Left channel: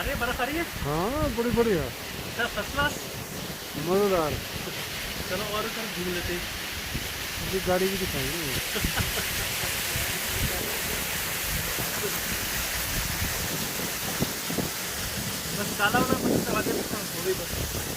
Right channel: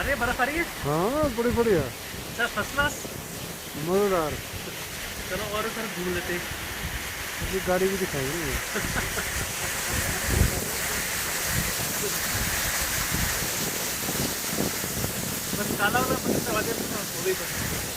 अरे बर्फ आ रही है। हाँ बड़ी बढ़िया, सर फर्स्ट क्लास। मजेदार। चलो और सर घूम लेते हैं। ये गाड़ी भी दिखाएंगे। बस काला वाला बटन दबा दे तो हो गई बस।